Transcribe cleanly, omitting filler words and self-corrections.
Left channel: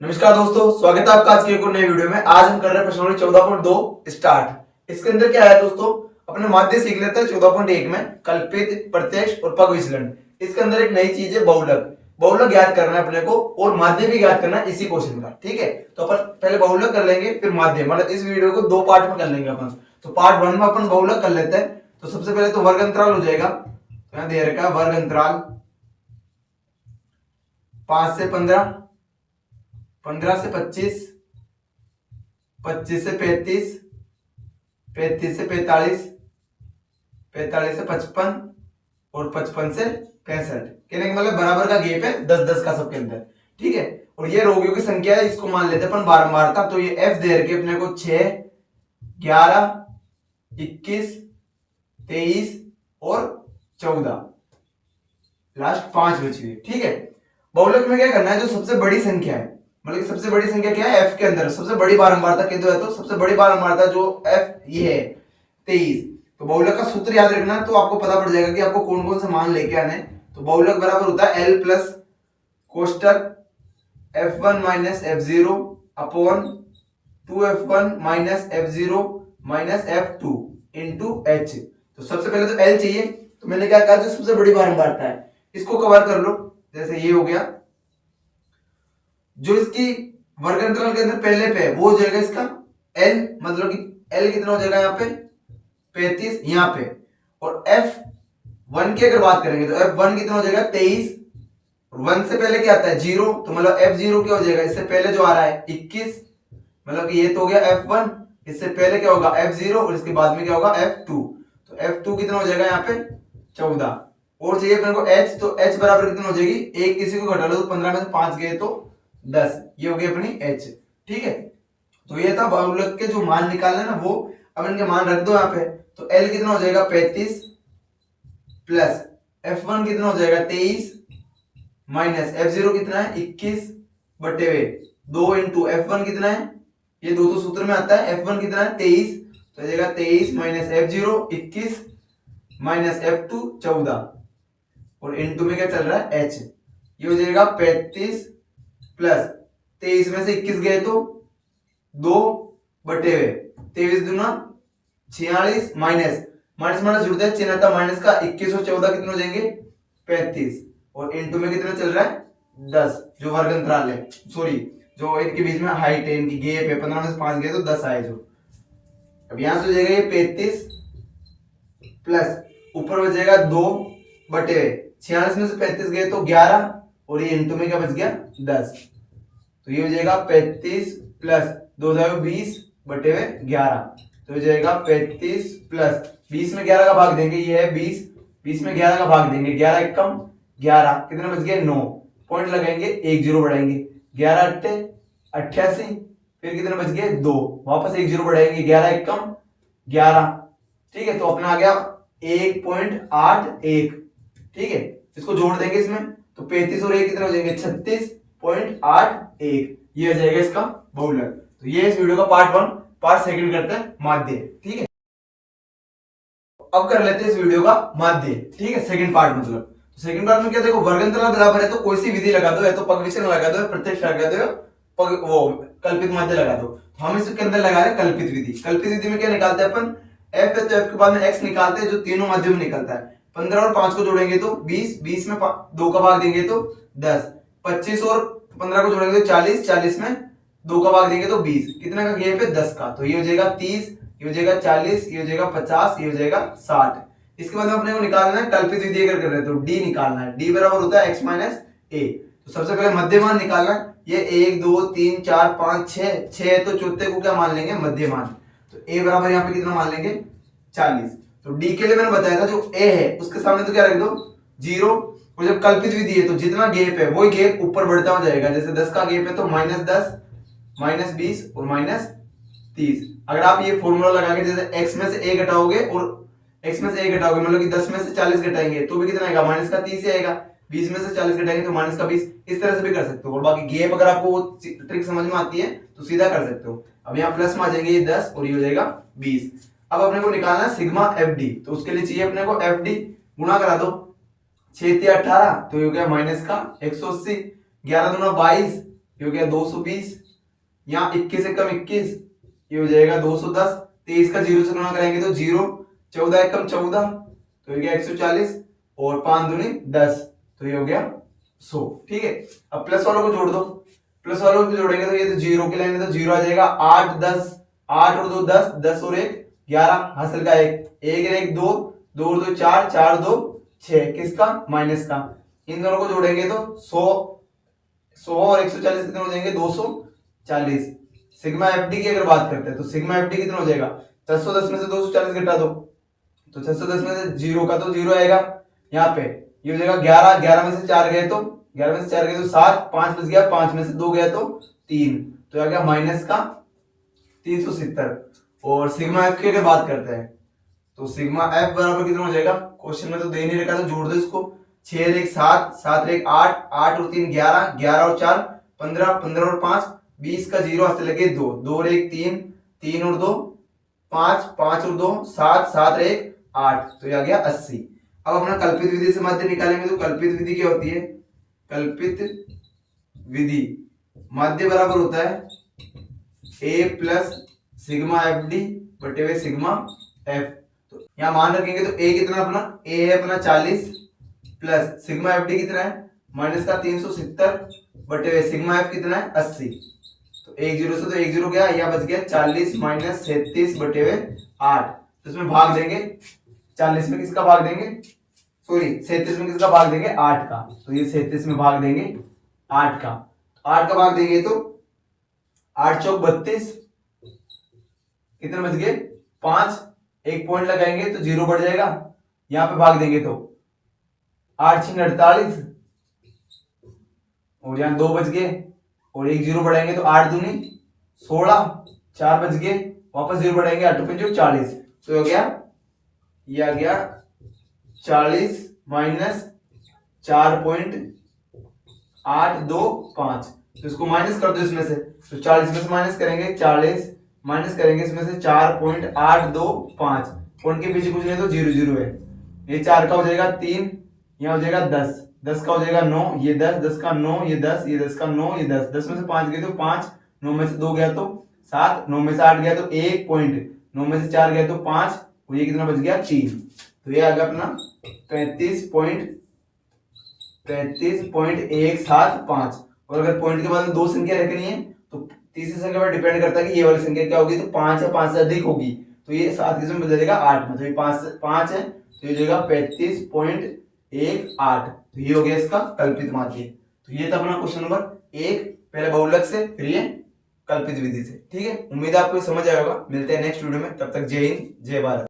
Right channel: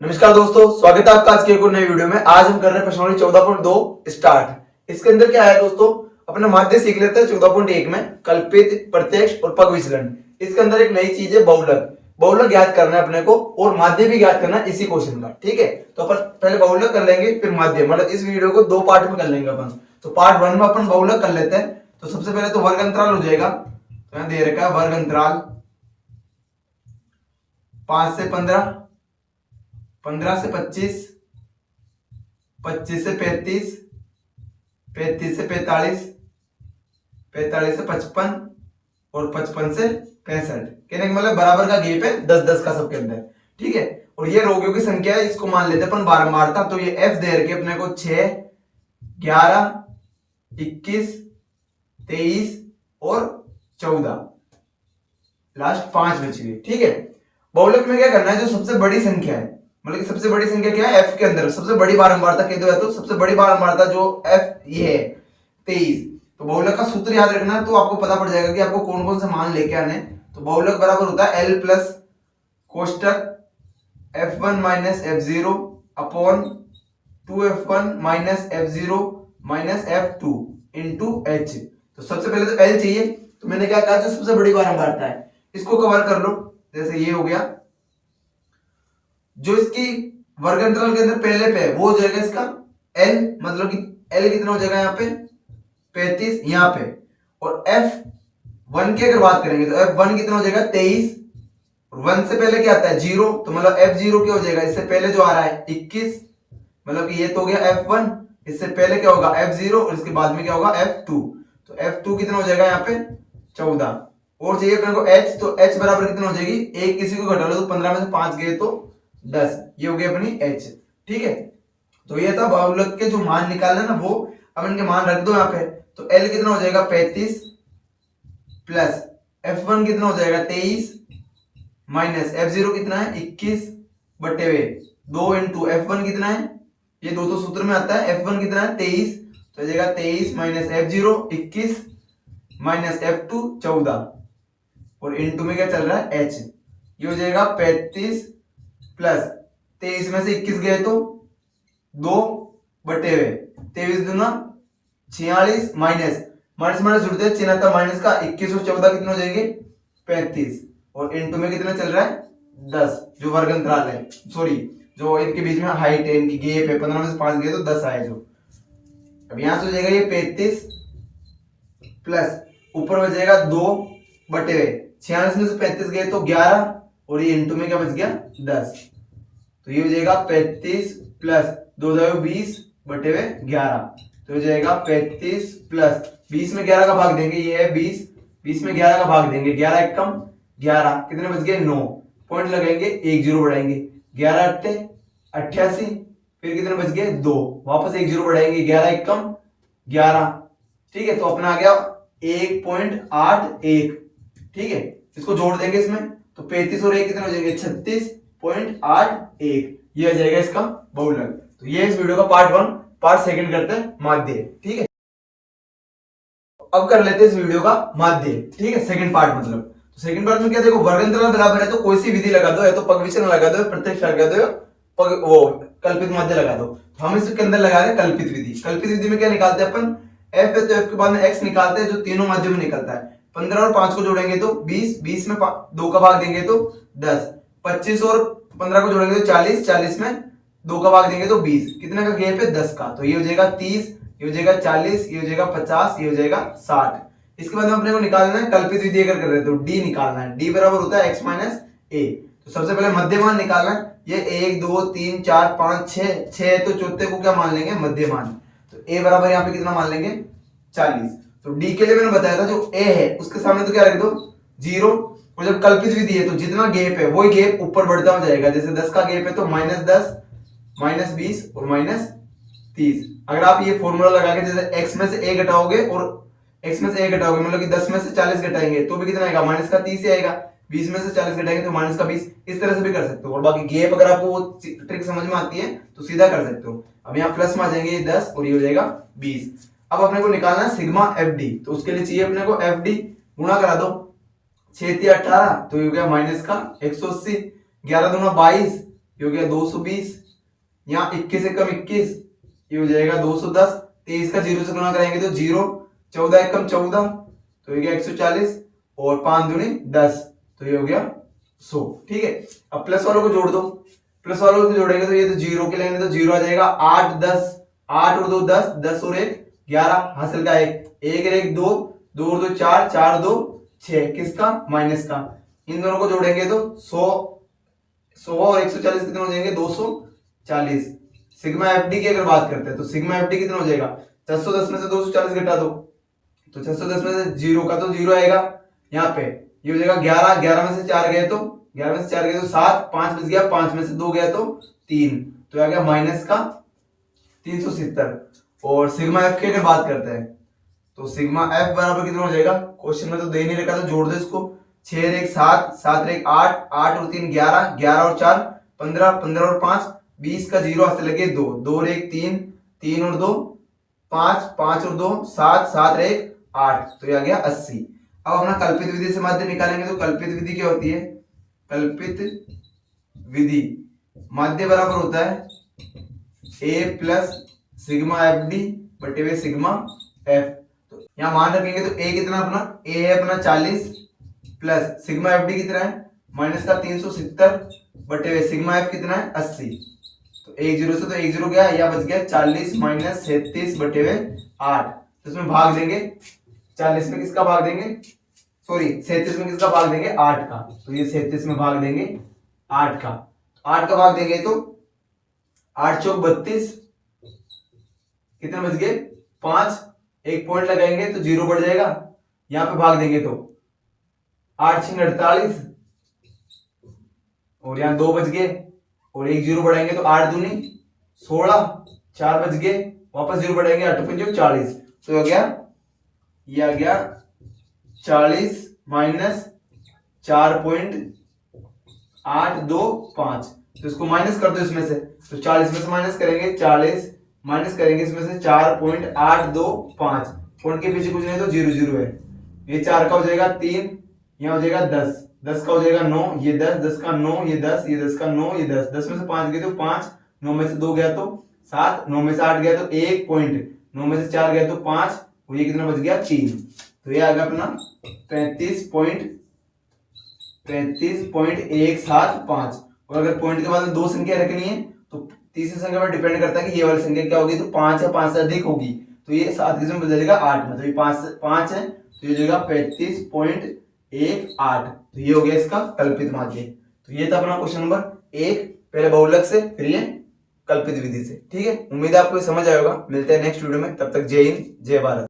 नमस्कार दोस्तों, स्वागत है आपका आज के एक और नए वीडियो में। आज हम कर रहे हैं प्रश्नावली 14.2 स्टार्ट। इसके अंदर क्या है दोस्तों, अपने माध्य सीख लेते हैं 14.1 में कल्पित, प्रत्यक्ष और पग विचलन। इसके अंदर एक नई चीज है बहुलक। बहुलक ज्ञात करना है अपने को और माध्य भी ज्ञात करना है इसी क्वेश्चन का। ठीक है, तो अपन पहले बहुलक कर लेंगे फिर माध्य, मतलब इस वीडियो को दो पार्ट में कर लेंगे अपन। तो पार्ट 1 में अपन बहुलक कर लेते हैं। तो सबसे पहले तो वर्ग अंतराल हो जाएगा। तो यहाँ दे रखा है वर्ग अंतराल 5 से 15, 15 से 25, 25 से 35, 35 से 45, 45 से 55 और 55 से 65। कहने का मतलब बराबर का गैप है 10-10 का सबके अंदर। ठीक है, और ये रोगियों की संख्या है, इसको मान लेते हैं अपन बारंबारता। तो ये एफ दे रखे अपने को 6, 11, 21, 23 और 14, लास्ट 5 बची हुई। ठीक है, बहुलक में क्या करना है, जो सबसे बड़ी संख्या है, मतलब सबसे बड़ी संख्या क्या है, एफ के अंदर सबसे बड़ी बारंबारता कह दो है, तो सबसे बड़ी बारंबारता जो एफ ये है 23। तो बहुलक का सूत्र याद रखना है, तो आपको पता पड़ जाएगा कि आपको कौन कौन से मान लेके आने। तो बहुलक बराबर होता है एल प्लस कोष्टक f1 minus f0 upon 2f1 minus f0 minus f2 into h। तो सबसे पहले तो एल चाहिए, तो मैंने क्या कहा, जो सबसे बड़ी बारंबारता है इसको कवर कर लो। जैसे ये हो गया, जो इसकी वर्ग अंतराल के अंदर पहले पे है वो हो जाएगा इसका एल, मतलब कि एल कितना हो जाएगा यहाँ पे 35 यहाँ पे। और एफ वन की अगर बात करेंगे तो एफ वन कितना हो जाएगा 23। वन से पहले क्या आता है 0, तो मतलब एफ जीरो क्या हो जाएगा, इससे पहले जो आ रहा है 21, मतलब कि ये तो हो गया एफ वन, इससे पहले क्या होगा एफ जीरो और इसके बाद में क्या होगा एफ टू। तो एफ टू कितना हो जाएगा यहाँ पे 14। और चाहिए अपने को एच, तो एच बराबर कितना हो जाएगी, एक किसी को घटा लो तो 15 में से 5 गए तो 10, ये हो गई अपनी एच। ठीक है, तो ये था बहुलक के जो मान निकालना ना वो। अब इनके मान रख दो यहाँ पे। तो एल कितना हो जाएगा 35 प्लस एफ वन कितना हो जाएगा 23 माइनस एफ जीरो कितना है 21 बटे हुए 2 इंटू एफ वन कितना है, ये दो तो सूत्र में आता है, एफ वन कितना है 23, तो जाएगा 23 minus F zero 21 minus F two 14 और इंटू में क्या चल रहा है एच। ये हो जाएगा 35 प्लस 23 में से 21 गए तो 2 बटे हुए 23 दूना 46 माइनस माइनस माइनस जुड़ते हैं, चिन्ह आता माइनस का, 21 और 14 कितने हो जाएंगे 35 और इंटू में कितना चल रहा है 10, जो वर्ग अंतराल है, सॉरी जो इनके बीच में हाइट है, इनकी गैप है, 15 में से 5 गए तो 10 आए जो। अब यहां से हो जाएगा ये 35 प्लस ऊपर हो जाएगा 2 बटे हुए 46 में से 35 गए तो 11 और ये इंटू में क्या बच गया 10। तो ये हो जाएगा 35 प्लस 2 20 बटे हुए 11, तो हो जाएगा 35 प्लस 20 में 11 का भाग देंगे, ये है 20, 20 में 11 का भाग देंगे, 11 एक कम 11, कितने बच गए 9, पॉइंट लगाएंगे, एक जीरो बढ़ाएंगे, 11 अट्ठे 88, फिर कितने बच गए 2, वापस एक जीरो बढ़ाएंगे, 11 एक कम 11। ठीक है, तो अपना आ गया 1.81। ठीक है, इसको जोड़ देंगे इसमें, तो 35 और 1 कितने हो जाएंगे 36.81, ये हो जाएगा इसका बहुलक। तो ये इस वीडियो का पार्ट 1। पार्ट 2 करते हैं माध्य। ठीक है, अब कर लेते हैं इस वीडियो का माध्य। ठीक है, सेकंड पार्ट मतलब। तो सेकंड पार्ट में क्या, देखो वर्ग अंतराल बराबर है तो कोई सी विधि लगा दो, है तो पग विचलन लगा दो, प्रत्यक्ष लगा दो, पग वो कल्पित माध्य लगा दो। तो हम इसके अंदर लगा रहे कल्पित विधि। कल्पित विधि में क्या निकालते हैं अपन, एफ है तो एफ के बाद में एक्स निकालते हैं, जो तीनों माध्य में निकलता है। 15 और 5 को जोड़ेंगे तो 20, 20 में 2 का भाग देंगे तो 10, 25 और 15 को जोड़ेंगे तो 40, 40 में 2 का भाग देंगे तो 20, कितने का गैप है 10 का, तो ये हो जाएगा 30, ये हो जाएगा 40, ये हो जाएगा 50, ये हो जाएगा 60। इसके बाद में अपने को निकालना है कल्पित विधि अगर कर रहे तो डी निकालना है, डी बराबर होता है x माइनस ए। तो सबसे पहले मध्यमान निकालना है, ये 1 2 3 4 5 6, 6 है तो चौथे को क्या मान लेंगे मध्यमान। तो a बराबर यहाँ पे कितना मान लेंगे 40। तो डी के लिए मैंने बताया था जो a है उसके सामने तो क्या रख दो 0, और जब कल्पित विधि है तो जितना गैप है वही गैप ऊपर बढ़ता हो जाएगा। जैसे 10 का गैप है तो -10 -20 और -30। अगर आप ये फॉर्मूला लगा के जैसे x में से a घटाओगे और x में से a घटाओगे, मतलब कि 10 में से 40 घटाएंगे तो भी कितना आएगा -30 ही आएगा, 20 में से 40 घटाएंगे तो -20, इस तरह से भी कर सकते हो। और बाकी गैप अगर आपको वो ट्रिक समझ में आती है तो सीधा कर सकते हो। अब यहाँ प्लस में आ जाएंगे 10 और ये हो जाएगा 20। अब अपने को निकालना है सिग्मा एफ डी, तो उसके लिए चाहिए अपने को एफ डी, गुणा करा दो 6 18, तो ये हो गया माइनस का 180, 11 दूना 22 ये हो गया 220, यहाँ 21 से कम 21, ये हो जाएगा 210, 23 का 0 से गुणा करेंगे तो 0, 14 एक कम 14, तो ये गया 140, और 5 दूनी 10, तो ये हो गया 100। ठीक है, अब प्लस वालों को जोड़ दो, प्लस वालों को जोड़ेंगे तो ये तो 0 के लाएंगे तो 0 आ जाएगा, 8 10, 8 और 2 10, 10 और 1 11, हासिल का 1, 1 और 1 2, 2 और 2 4, 4 2 6, किसका माइनस का। इन दोनों को जोड़ेंगे तो 100 और 140 कितने हो जाएंगे 240। सिग्मा एफडी की अगर बात करते हैं तो सिग्मा एफडी कितना हो जाएगा, 610 में से 240 घटा दो तो 610 में से 0 का तो 0 आएगा, यहाँ पे ये हो जाएगा 11, 11 में से 4 गए तो 11 में से 4 गए तो 7, 5 बच गया, 5 में से 2 गया तो 3, तो आ गया माइनस का 370। और सिग्मा एफ की अगर बात करते हैं तो सिग्मा एफ बराबर कितना हो जाएगा, क्वेश्चन में तो दे नहीं रखा तो जोड़ दो इसको, 6 और 1 7, 7 और 1 8, 8 और 3 11, 11 और 4 15, 15 और 5 20 का 0 हाथ से लगे 2, 2 और 1 3, 3 और 2 5, 5 और 2 7, 7 और 1 8, तो ये आ गया 80। अब अपना कल्पित विधि से माध्य निकालेंगे तो कल्पित विधि क्या होती है, कल्पित विधि माध्य बराबर होता है a plus sigma F D बटे हुए सिग्मा एफ। तो यहाँ मान रखेंगे तो a कितना अपना, a है अपना 40 प्लस सिग्मा एफ डी कितना है माइनस का 370 बटे हुए सिग्मा एफ कितना है 80। तो 1 0 से तो 1 0 गया, यहाँ बच गया 40 माइनस 37 बटे हुए 8। तो इसमें भाग देंगे, 40 में किसका भाग देंगे, सॉरी 37 में किसका भाग देंगे 8 का, तो ये 37 में भाग देंगे 8 का, 8 का भाग देंगे तो 8 चौक 32, कितने बच गए 5, एक पॉइंट लगाएंगे तो 0 बढ़ जाएगा, यहाँ पे भाग देंगे तो 8 6 48, और यहाँ 2 बच गए, और 1 0 बढ़ाएंगे तो 8 दूनी 16, 4 बच गए, वापस 0 बढ़ाएंगे 8 5 40, तो हो गया ये आ गया 40 माइनस 4.825, तो इसको माइनस कर दो इसमें से, तो 40 में से माइनस करेंगे 40 माइनस करेंगे इसमें से 4.825, पॉइंट के पीछे कुछ नहीं तो 0 0 है, ये 4 का हो जाएगा 3, यहाँ हो जाएगा 10, 10 का हो जाएगा 9, ये 10, 10 का 9, ये 10, ये 10 का 9, ये 10, 10 में से 5 गए तो 5, 9 में से 2 गया तो 7, 9 में से 8 गया तो 1 पॉइंट, 9 में से 4 गया तो 5, और ये कितना बच गया 3, तो ये आ गया अपना 35.175। और अगर पॉइंट के बाद में 2 संख्या रखनी है तो तीसरी संख्या पर डिपेंड करता है कि ये वाली संख्या क्या होगी, तो 5 है 5 से अधिक होगी, तो ये 7 किसमें बदल जाएगा 8 में, तो ये 5 है तो ये हो जाएगा 35.18, तो ये हो गया इसका कल्पित माध्य। तो ये था अपना क्वेश्चन नंबर 1, पहले बहुलक से फिर ये कल्पित विधि से। ठीक है, उम्मीद है आपको समझ आएगा। मिलते हैं नेक्स्ट वीडियो में, तब तक जय हिंद जय भारत।